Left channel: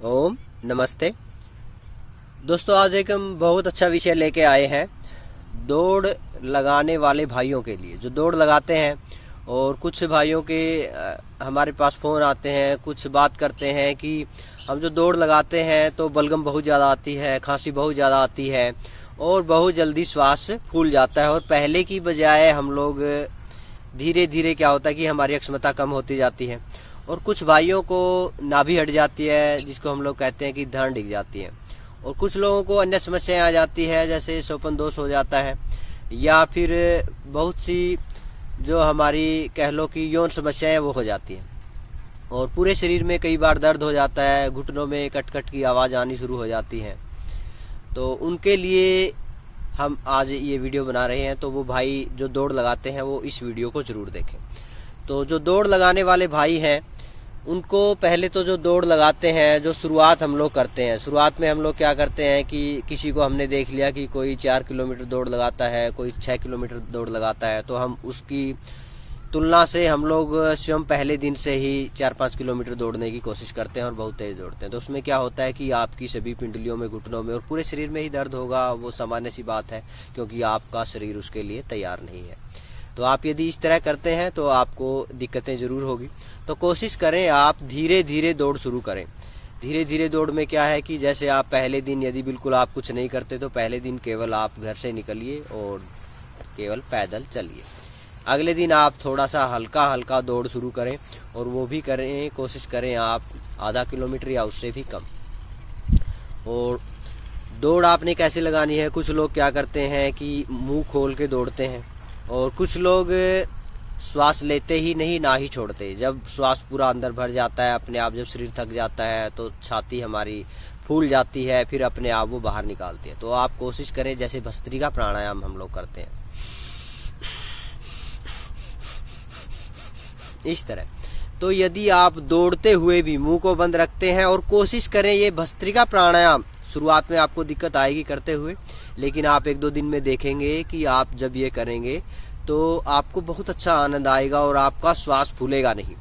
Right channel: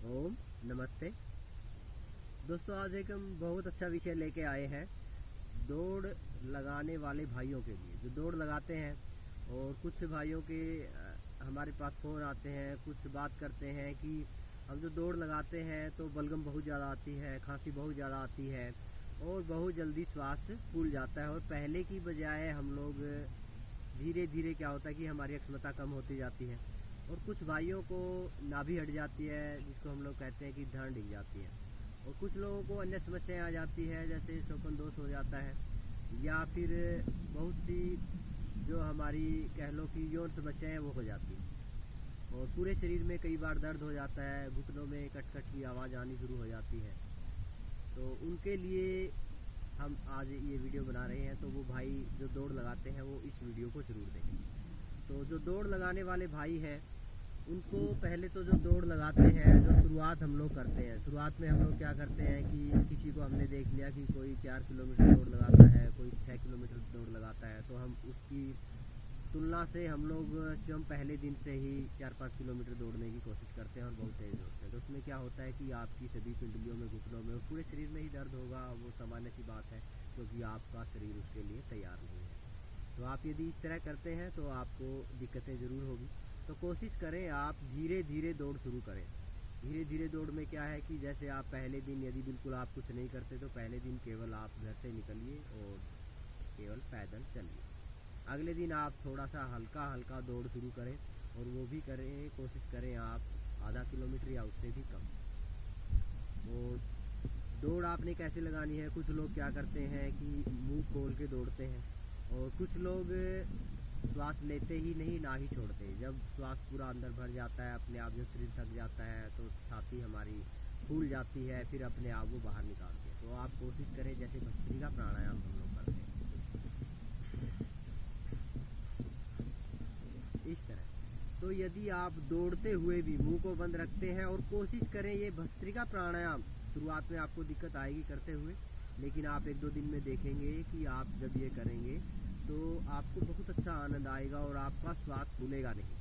ओम नमस्ते दोस्तों, आज एक हम बहुत अच्छा विषय लेके आए हैं दौड़ लगाने वाले भाइयों के लिए जो दौड़ लगाते हैं। और कुछ भाइयों के हमारे पास फ़ोन आते हैं, कुछ बात करते हैं कि हम जो दौड़ लगाते हैं तो बलगम बहुत ज़्यादा आती है, खांसी बहुत ज़्यादा आती है और बहुत जल्दी श्वास फूल जाता है। और पहले की बजाय हम लोग धीरे धीरे क्या होता है कि हमारी अक्षमता कम होती जाती है। और कुछ भाइयों को नाभि हट जाती है, जिसको हम लोग कहते हैं कि धड़ डिग जाती है। और कुछ लोगों को अन्य समस्याएं आ जाती है, जैसे सोपन दोष हो जाता है, या फिर बहुत सी जो हमारी कह लो कि यौन समस्याएं वो हो जाती हैं। और पूरे शरीर में कई बार दर्द हो जाता है, घुटनों में कट कट की आवाज़ आनी शुरू हो जाती है। तो उनके लिए हम आज ये वीडियो बना रहे हैं। तो वो भाई जो दौड़ लगाते हैं वो इस वीडियो को ज़रूर देखें। तो जो दौड़ लगाने वाले भाई हैं उनको पहले तो जो दौड़ लगाते हैं, जो शुरुआत हम लोग करते हैं, शुरुआत में हम लोग क्या करते हैं कि किसी को हमने देख लिया कि कोई 4 किलोमीटर दौड़ लगाता है, कोई 6 किलोमीटर दौड़ लगाता है, तो हम उसकी तुलना से हम लोग स्वयं पहले दिन से ही 4-5 किलोमीटर दौड़ने की कोशिश करते हैं और बहुत तेज़ दौड़ते हैं। तो उसमें क्या होता है कि आपकी सभी पिंडलियों में, घुटनों में और पूरे शरीर में ही दर्द होगा। वो सामान्य सी बात है, क्योंकि आपका शरीर उसके लिए तैयार नहीं है। तो आप यदि इस तरह करते हैं तो आपको दिक्कतें ज़रूर होगी। तो कोशिश करें आप धीरे धीरे दौड़ शुरू करें। धीरे धीरे दौड़ में क्या है कि जैसे आप पहले दिन यदि बिल्कुल आप कुछ नहीं करते तो पहले दिन केवल आप घर से निकलिए और केवल पैदल चलिए। अगले दिन आप थोड़ा सा हल्का हल्का दौड़ शुरू करें, और वो भी करें, कोशिश करें आप आधा किलोमीटर या उससे भी कम। और दौड़ आपने कैसे लगानी है, कुछ लोग क्या करते हैं कि मुंह खोल के दौड़ते हैं, और कुछ लोग श्वास लेते ही नहीं ना ही छोड़ते। जब श्वास पूरा अंदर भर जाता है, अपने आप जब शरीर थक जाता है तो छाती हमारी फूल जाती है, फिर अपने आप वो बाहर निकालती है। तो आप कोशिश करें जैसे भस्त्रिका प्राणायाम हम लोग करते हैं इस तरह। तो यदि आप दौड़ते हुए भी मुंह को बंद रखते हैं और कोशिश करें ये भस्त्रिका प्राणायाम, शुरुआत में आपको दिक्कत आएगी करते हुए, लेकिन आप 1-2 दिन में देखेंगे कि आप जब ये करेंगे तो आपको बहुत अच्छा आनंद आएगा और आपका श्वास फूलेगा नहीं।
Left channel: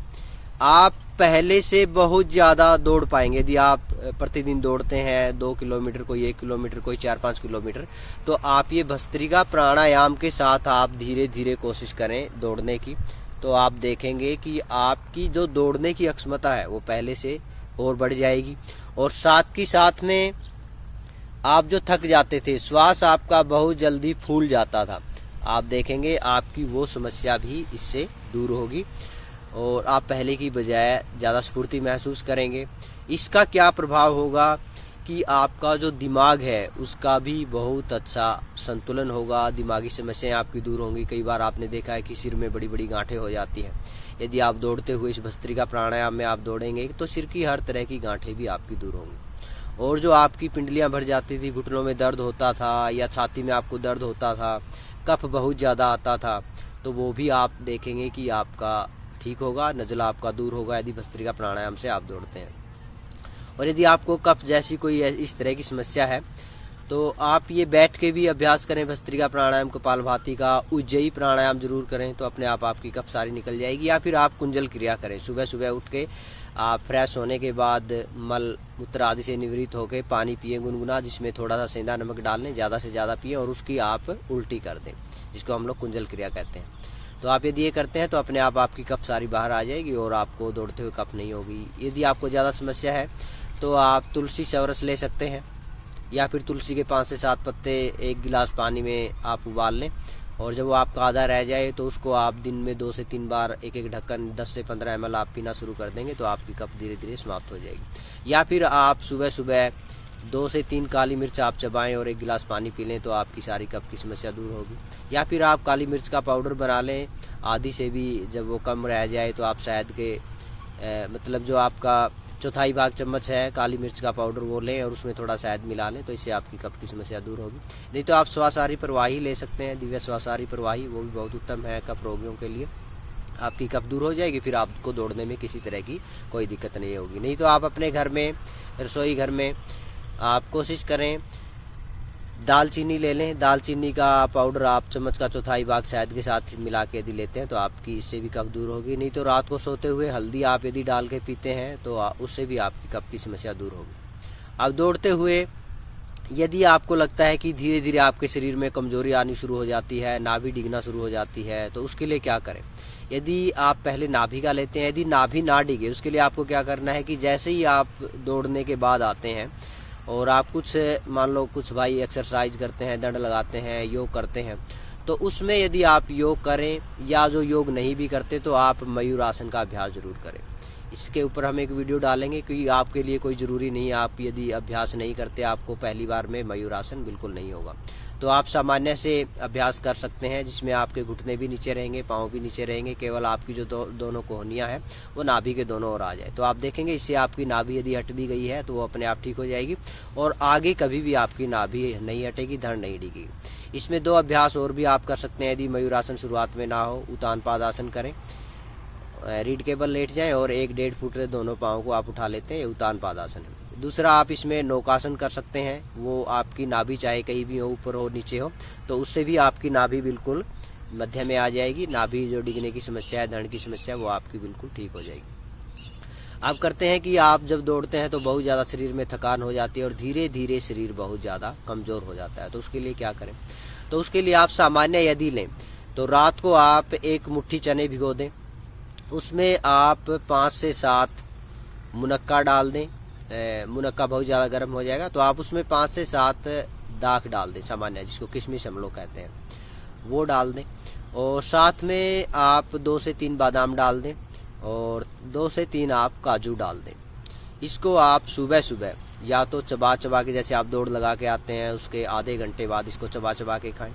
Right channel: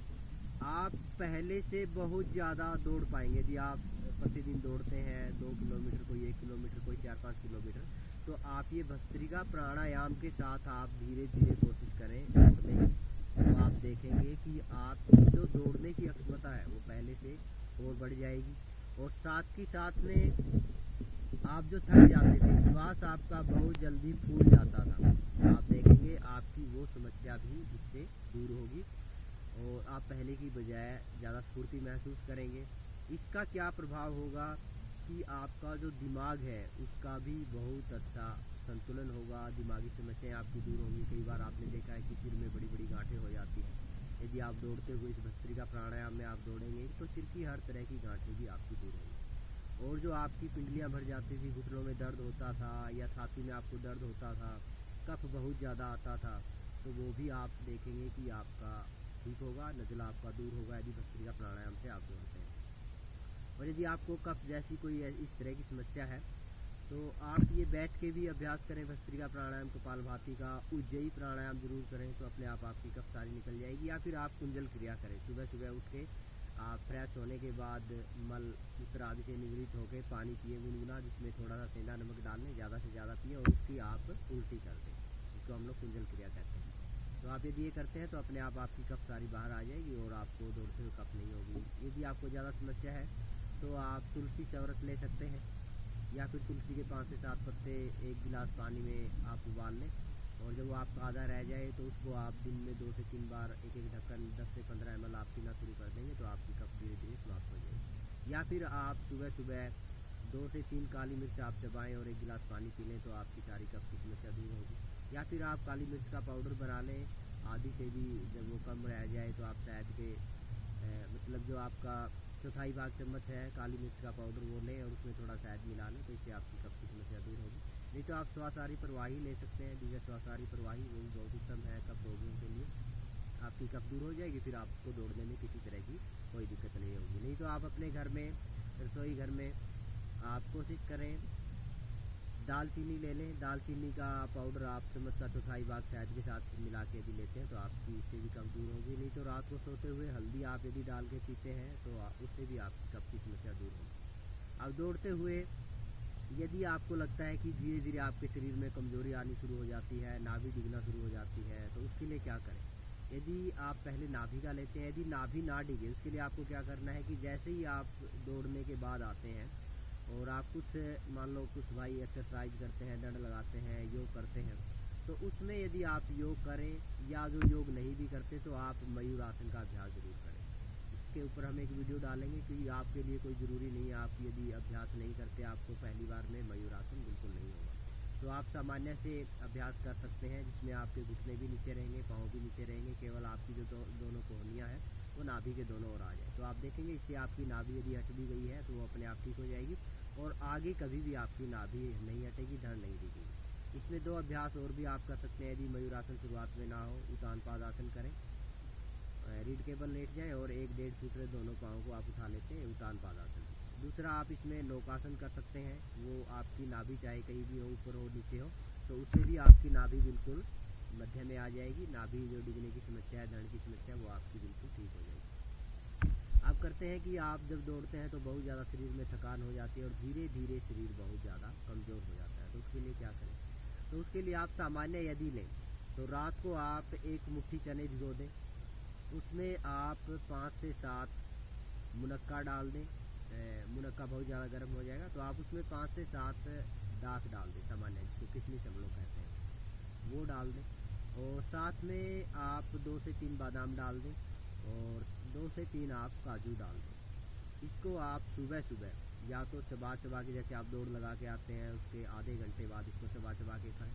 आप पहले से बहुत ज़्यादा दौड़ पाएंगे। यदि आप प्रतिदिन दौड़ते हैं 2 किलोमीटर, कोई 1 किलोमीटर, कोई 4-5 किलोमीटर, तो आप ये भस्त्रिका प्राणायाम के साथ आप धीरे धीरे कोशिश करें दौड़ने की। तो आप देखेंगे कि आपकी जो दौड़ने की क्षमता है वो पहले से और बढ़ जाएगी। और साथ ही साथ में आप जो थक जाते थे, श्वास आपका बहुत जल्दी फूल जाता था, आप देखेंगे आपकी वो समस्या भी इससे दूर होगी और आप पहले की बजाय ज़्यादा स्फूर्ति महसूस करेंगे। इसका क्या प्रभाव होगा कि आपका जो दिमाग है उसका भी बहुत अच्छा संतुलन होगा, दिमागी समस्याएं आपकी दूर होंगी। कई बार आपने देखा है कि सिर में बड़ी बड़ी गांठें हो जाती हैं। यदि आप दौड़ते हुए इस भस्त्रिका प्राणायाम में आप दौड़ेंगे तो सिर की हर तरह की गांठें भी आपकी दूर होंगी। और जो आपकी पिंडलियां भर जाती थी, घुटनों में दर्द होता था या छाती में आपको दर्द होता था, कफ बहुत ज़्यादा आता था, तो वो भी आप देखेंगे कि आपका ठीक होगा, नज़ला आपका दूर होगा यदि भस्त्रिका प्राणायाम से आप दौड़ते हैं। और यदि आपको कफ जैसी कोई इस तरह की समस्या है तो आप ये बैठ के भी अभ्यास करें भस्त्रिका प्राणायाम, कपालभाति का, उज्जयी प्राणायाम जरूर करें, तो अपने आप आपकी कफ सारी निकल जाएगी। या फिर आप कुंजल क्रिया करें, सुबह सुबह उठ के आप फ्रेश होने के बाद मल मूत्र आदि से निवृत्त होकर पानी पिए गुनगुना, जिसमें थोड़ा सा सेंधा नमक डाल लें, ज़्यादा से ज़्यादा पिए और उसकी आप उल्टी कर दें, जिसको हम लोग कुंजल क्रिया कहते हैं। तो आप यदि ये करते हैं तो अपने आप आपकी कफ सारी बाहर आ जाएगी और आपको दौड़ते हुए कफ नहीं होगी। यदि आपको ज़्यादा समस्या है तो आप तुलसी चवरस ले सकते हैं, या फिर तुलसी के 5 से 7 पत्ते 1 गिलास पानी में आप उबाल लें, और जब वो आपका आधा रह जाए तो उसको आप दिन में 2 से 3 बार एक ढक्कन 10 से 15 ml आप पीना शुरू कर देंगे तो आपकी कफ धीरे धीरे समाप्त हो जाएगी। या फिर आप सुबह सुबह 2 से 3 काली मिर्च आप चबाएं और 1 गिलास पानी पी लें तो आपकी सारी कफ की समस्या दूर होगी। या फिर आप काली मिर्च का पाउडर बना लें, आधी से भी जब वो कम रह जाए तो आप शहद के मतलब जो आपका 1/4 भाग चम्मच है काली मिर्च का पाउडर वो लें और उसमें थोड़ा शहद मिला लें, तो इससे आपकी कफ की समस्या दूर होगी। नहीं तो आप श्वासाहारी प्रवाही ले सकते हैं, दिव्य श्वासाहारी प्रवाही, वो भी बहुत उत्तम है कफ रोगियों के लिए। आपकी कफ दूर हो जाएगी, फिर आपको दौड़ने में किसी तरह की कोई दिक्कत नहीं होगी। नहीं तो आप अपने घर में, रसोई घर में आप कोशिश करें दालचीनी ले लें। दालचीनी का पाउडर आप चम्मच का चौथाई भाग शहद के साथ मिला के यदि लेते हैं तो आपकी इससे भी कफ दूर होगी। नहीं तो रात को सोते हुए हल्दी आप यदि डाल के पीते हैं तो उससे भी आपकी कफ की समस्या दूर होगी। अब दौड़ते हुए यदि आपको लगता है कि धीरे धीरे आपके शरीर में कमजोरी आनी शुरू हो जाती है, नाभि डिगना शुरू हो जाती है, तो उसके लिए क्या करें। यदि आप पहले नाभि का लेते हैं, यदि नाभि ना डिगे उसके लिए आपको क्या करना है कि जैसे ही आप दौड़ने के बाद आते हैं और आप कुछ मान लो कुछ भाई एक्सरसाइज करते हैं, दंड लगाते हैं, योग करते हैं, तो उसमें यदि आप योग करें या जो योग नहीं भी करते तो आप मयूर आसन का अभ्यास ज़रूर करें। इसके ऊपर हम एक वीडियो डालेंगे क्योंकि आपके लिए कोई ज़रूरी नहीं है, आप यदि अभ्यास नहीं करते आपको पहली बार में मयूर आसन बिल्कुल नहीं होगा। तो आप सामान्य से अभ्यास कर सकते हैं जिसमें आपके घुटने भी नीचे रहेंगे, पाँव भी नीचे रहेंगे, केवल आपकी जो दोनों कोहनियाँ हैं वो नाभि के दोनों ओर आ जाए। तो आप देखेंगे इससे आपकी नाभि यदि हट भी गई है तो वो अपने आप ठीक हो जाएगी और आगे कभी भी आपकी नाभि नहीं हटेगी, धड़ नहीं डिगेगी। इसमें 2 अभ्यास और भी आप कर सकते हैं। यदि मयूरासन शुरुआत में ना हो, उतान पादासन करें, रीढ़ केबल लेट जाएं और 1-1.5 फुट दोनों पाँव को आप उठा लेते हैं, ये उतान पादासन है। दूसरा आप इसमें नौकासन कर सकते हैं, वो आपकी नाभि चाहे कहीं भी हो, ऊपर हो नीचे हो, तो उससे भी आपकी नाभि बिल्कुल मध्य में आ जाएगी। नाभि जो डिगने की समस्या है, धड़ की समस्या है, वो आपकी बिल्कुल ठीक हो जाएगी। अब करते हैं कि आप जब दौड़ते हैं तो बहुत ज़्यादा शरीर में थकान हो जाती है और धीरे धीरे शरीर बहुत ज़्यादा कमज़ोर हो जाता है। तो उसके लिए क्या करें। तो उसके लिए आप सामान्य यदि लें तो रात को आप 1 मुट्ठी चने भिगो दें, उसमें आप 5 से 7 मुनक्का डाल दें। मुनक्का बहुत ज़्यादा गर्म हो जाएगा तो आप उसमें 5 से 7 दाख डाल दें, सामान्य जिसको किशमिश हम लोग कहते हैं, वो डाल दें। और साथ में आप 2 से 3 बादाम डाल दें और 2 से 3 आप काजू डाल दें। इसको आप सुबह सुबह या तो चबा चबा के, जैसे आप दौड़ लगा के आते हैं उसके आधे घंटे बाद इसको चबा चबा के खाएं।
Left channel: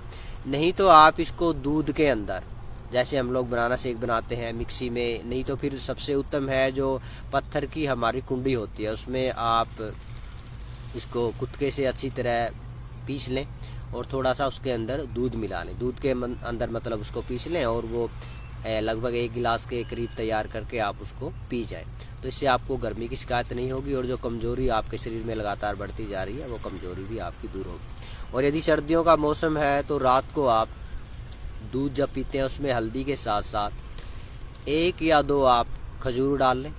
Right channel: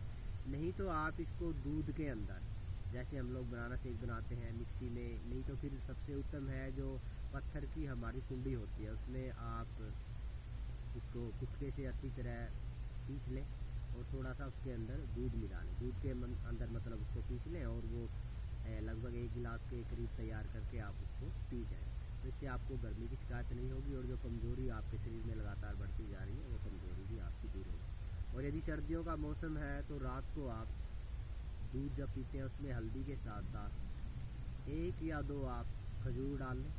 नहीं तो आप इसको दूध के अंदर, जैसे हम लोग बनाना शेक बनाते हैं मिक्सी में, नहीं तो फिर सबसे उत्तम है जो पत्थर की हमारी कुंडी होती है, उसमें आप इसको कुत्के से अच्छी तरह पीस लें और थोड़ा सा उसके अंदर दूध मिला लें। दूध के अंदर मतलब उसको पीस लें और वो लगभग 1 गिलास के करीब तैयार करके आप उसको पी जाएं। तो इससे आपको गर्मी की शिकायत नहीं होगी और जो कमज़ोरी आपके शरीर में लगातार बढ़ती जा रही है वो कमज़ोरी भी आपकी दूर होगी। और यदि सर्दियों का मौसम है तो रात को आप दूध जब पीते हैं उसमें हल्दी के साथ साथ 1 या 2 आप खजूर डाल लें,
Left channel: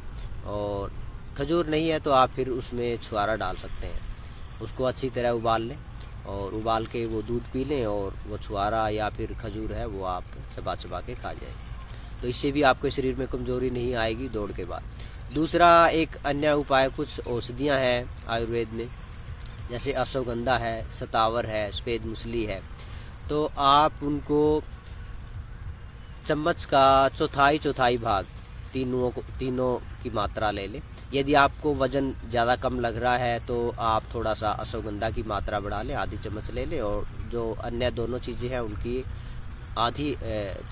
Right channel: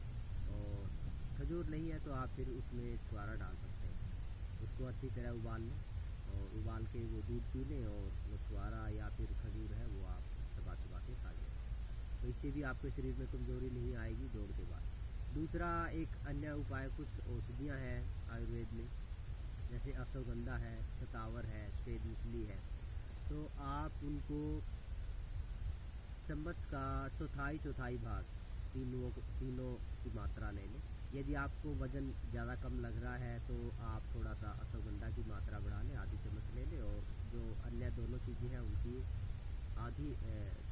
और खजूर नहीं है तो आप फिर उसमें छुआरा डाल सकते हैं। उसको अच्छी तरह उबाल लें और उबाल के वो दूध पी लें और वो छुआरा या फिर खजूर है वो आप चबा चबा के खा जाएं। तो इससे भी आपके शरीर में कमज़ोरी नहीं आएगी दौड़ के बाद। दूसरा एक अन्य उपाय, कुछ औषधियाँ हैं आयुर्वेद में, जैसे अश्वगंधा है, सतावर है, सफ़ेद मूसली है, तो आप उनको चम्मच का चौथाई भाग तीनों की मात्रा ले लें। यदि आपको वज़न ज़्यादा कम लग रहा है तो आप थोड़ा सा अश्वगंधा की मात्रा बढ़ा लें, आधी चम्मच ले लें, और जो अन्य दोनों चीज़ें हैं उनकी आधी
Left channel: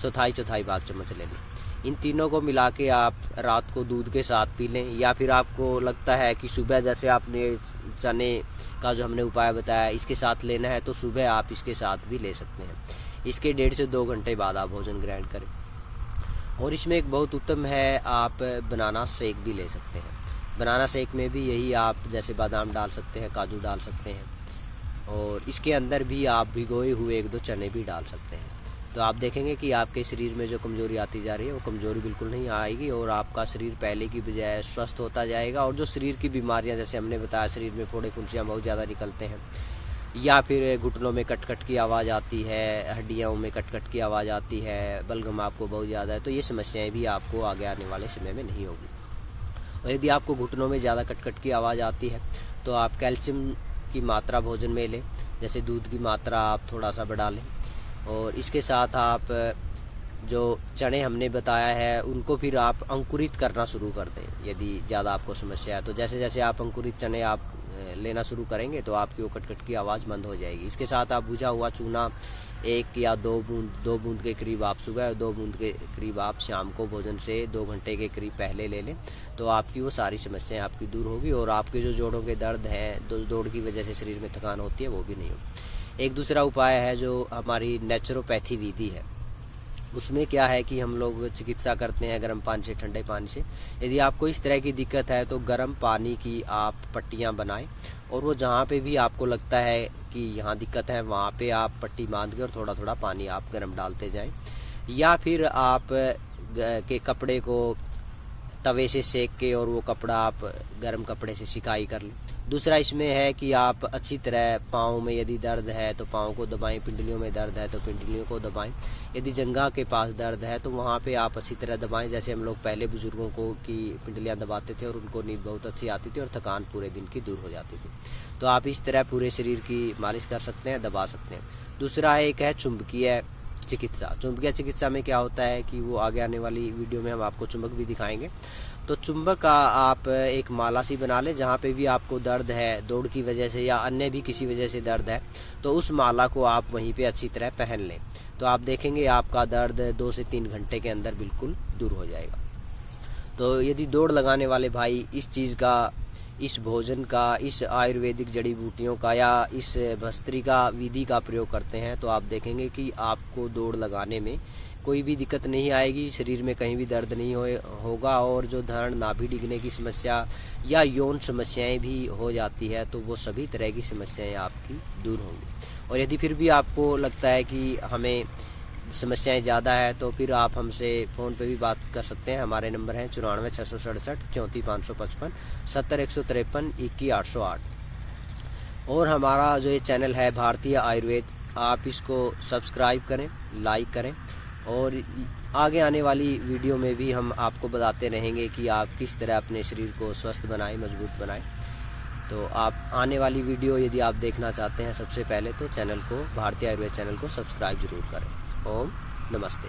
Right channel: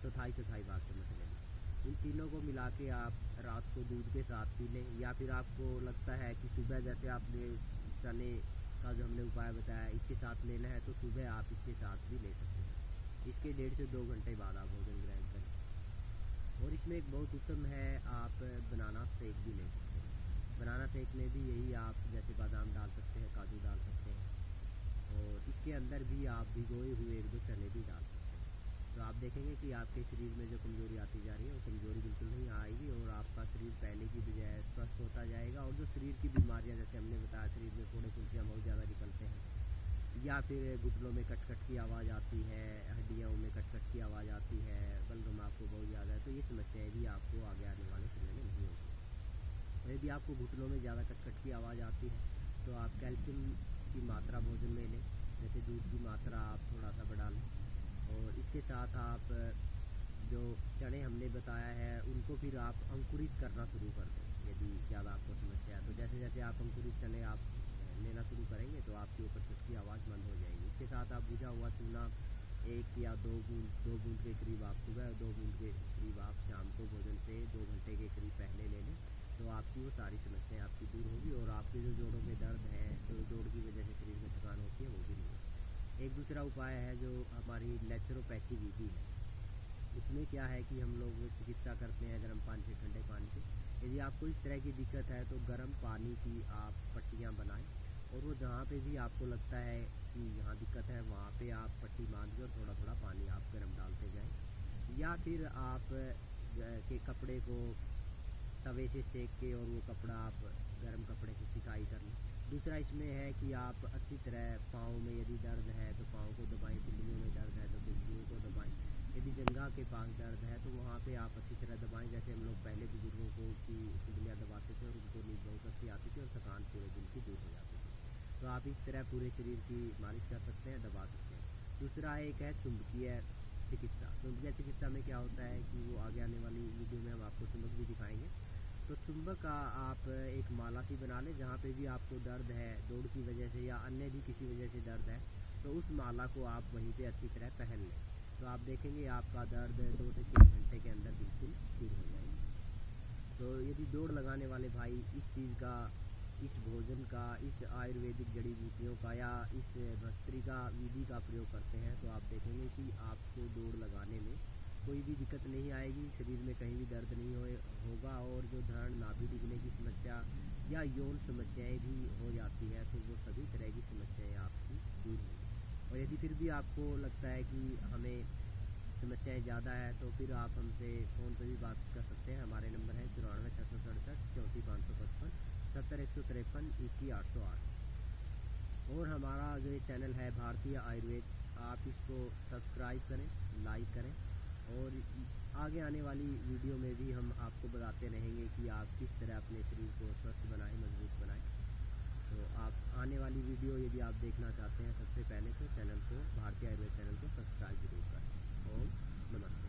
चौथाई भाग चम्मच ले लें। इन तीनों को मिला के आप रात को दूध के साथ पी लें, या फिर आपको लगता है कि सुबह जैसे आपने चने का जो हमने उपाय बताया इसके साथ लेना है तो सुबह आप इसके साथ भी ले सकते हैं। इसके 1.5 से 2 घंटे बाद आप भोजन ग्रहण करें। और इसमें एक बहुत उत्तम है, आप बनाना शेक भी ले सकते हैं। बनाना शेक में भी यही आप जैसे बादाम डाल सकते हैं, काजू डाल सकते हैं, और इसके अंदर भी आप भिगोए हुए 1-2 चने भी डाल सकते हैं। तो आप देखेंगे कि आपके शरीर में जो कमज़ोरी आती जा रही है वो कमज़ोरी बिल्कुल नहीं आएगी और आपका शरीर पहले की बजाय स्वस्थ होता जाएगा। और जो शरीर की बीमारियां, जैसे हमने बताया शरीर में फोड़े फुंसियाँ बहुत ज़्यादा निकलते हैं, या फिर घुटनों में कट की आवाज़ आती है, हड्डियों में कट की आवाज़ आती है, बलगम आपको बहुत ज़्यादा है, तो ये समस्याएँ भी आपको आगे आने वाले समय में नहीं होगी। और यदि आपको घुटनों में ज़्यादा कट की आवाज़ आती है तो आप कैल्शियम की मात्रा भोजन में लें, जैसे दूध की मात्रा आप थोड़ा सा बढ़ा लें, और इसके साथ आप जो चने हमने बताया है उनको फिर आप अंकुरित करना शुरू कर दें। यदि ज़्यादा आपको समस्या है तो जैसे जैसे आप अंकुरित चने आप लेना शुरू करेंगे तो आपकी वो कट की आवाज़ बंद हो जाएगी। इसके साथ आप बुझा हुआ चूना 1 या 2 बूंद के करीब आप सुबह और 2 बूंद के करीब आप शाम को भोजन से 2 घंटे के करीब पहले ले लें, तो आपकी वो सारी समस्याएं आपकी दूर होगी और आपके जो जोड़ों के दर्द हैं, दौड़ की वजह से शरीर में थकान होती है, वो भी नहीं होगी। एक दूसरा उपाय है जो हमारी नेचुरोपैथी विधि है, उसमें क्या है कि हम लोग चिकित्सा करते हैं गर्म पानी से, ठंडे पानी से। यदि आपको इस तरह की दिक्कत है तो गर्म पानी की आप पट्टियाँ बनाएं, और वो जहाँ पे भी आपको लगता है कि यहाँ दिक्कत है वहाँ पे आप पट्टी बांध के और थोड़ा थोड़ा पानी आप गर्म डालते जाएं, या फिर आप के कपड़े को तवे से सेक के और वो कपड़ा आप गर्म कपड़े से सिकाई कर लें। दूसरा इसमें है कि आप अच्छी तरह पाँव में यदि दर्द है तो पाँव को दबाएं, पिंडलियों में दर्द है तो पिंडलियों को दबाएं, यदि जंघा के पास दर्द है तो वहाँ पे आप अच्छी तरह दबाएं। जैसे हम लोग पहले बुजुर्गों को की पिंडलियाँ दबाते थे और उनको नींद बहुत अच्छी आती थी और थकान पूरे दिन की दूर हो जाती थी। तो आप इस तरह पूरे शरीर की मालिश कर सकते हैं, दबा सकते हैं। दूसरा एक है चुंबकीय चिकित्सा। चुंबकीय चिकित्सा में क्या होता है कि वो आगे आने वाली वीडियो में हम आपको चुंबक भी दिखाएंगे। तो चुंबक का आप एक माला सी बना लें, जहाँ पे भी आपको दर्द है दौड़ की वजह से या अन्य भी किसी वजह से दर्द है, तो उस माला को आप वहीं पे अच्छी तरह पहन लें, तो आप देखेंगे आपका दर्द 2 से 3 घंटे के अंदर बिल्कुल दूर हो जाएगा। तो यदि दौड़ लगाने वाले भाई इस चीज़ का, इस भोजन का, इस आयुर्वेदिक जड़ी बूटियों का या इस भस्त्रिका विधि का प्रयोग करते हैं, तो आप देखेंगे कि आपको दौड़ लगाने में कोई भी दिक्कत नहीं आएगी, शरीर में कहीं भी दर्द नहीं होगा, और जो धड़ नाभि डिगने की समस्या या यौन समस्याएं भी हो जाती है तो वो सभी तरह की समस्याएं आपकी दूर होंगी। और यदि फिर भी आपको लगता है कि हमें समस्याएं ज़्यादा है तो फिर आप हमसे फ़ोन पे भी बात कर सकते हैं। हमारे नंबर हैं 94 667 34 555 70 153 21 808। और हमारा जो ये चैनल है भारतीय आयुर्वेद, आप इसको सब्सक्राइब करें, लाइक करें, और आगे आने वाली वीडियो में भी हम आपको बताते रहेंगे कि आप किस तरह अपने शरीर को स्वस्थ बनाएं, मजबूत बनाएं। तो आप आने वाली वीडियो यदि आप देखना चाहते हैं सबसे पहले तो चैनल को, भारतीय आयुर्वेद चैनल को सब्सक्राइब जरूर करें। ओम नमस्ते।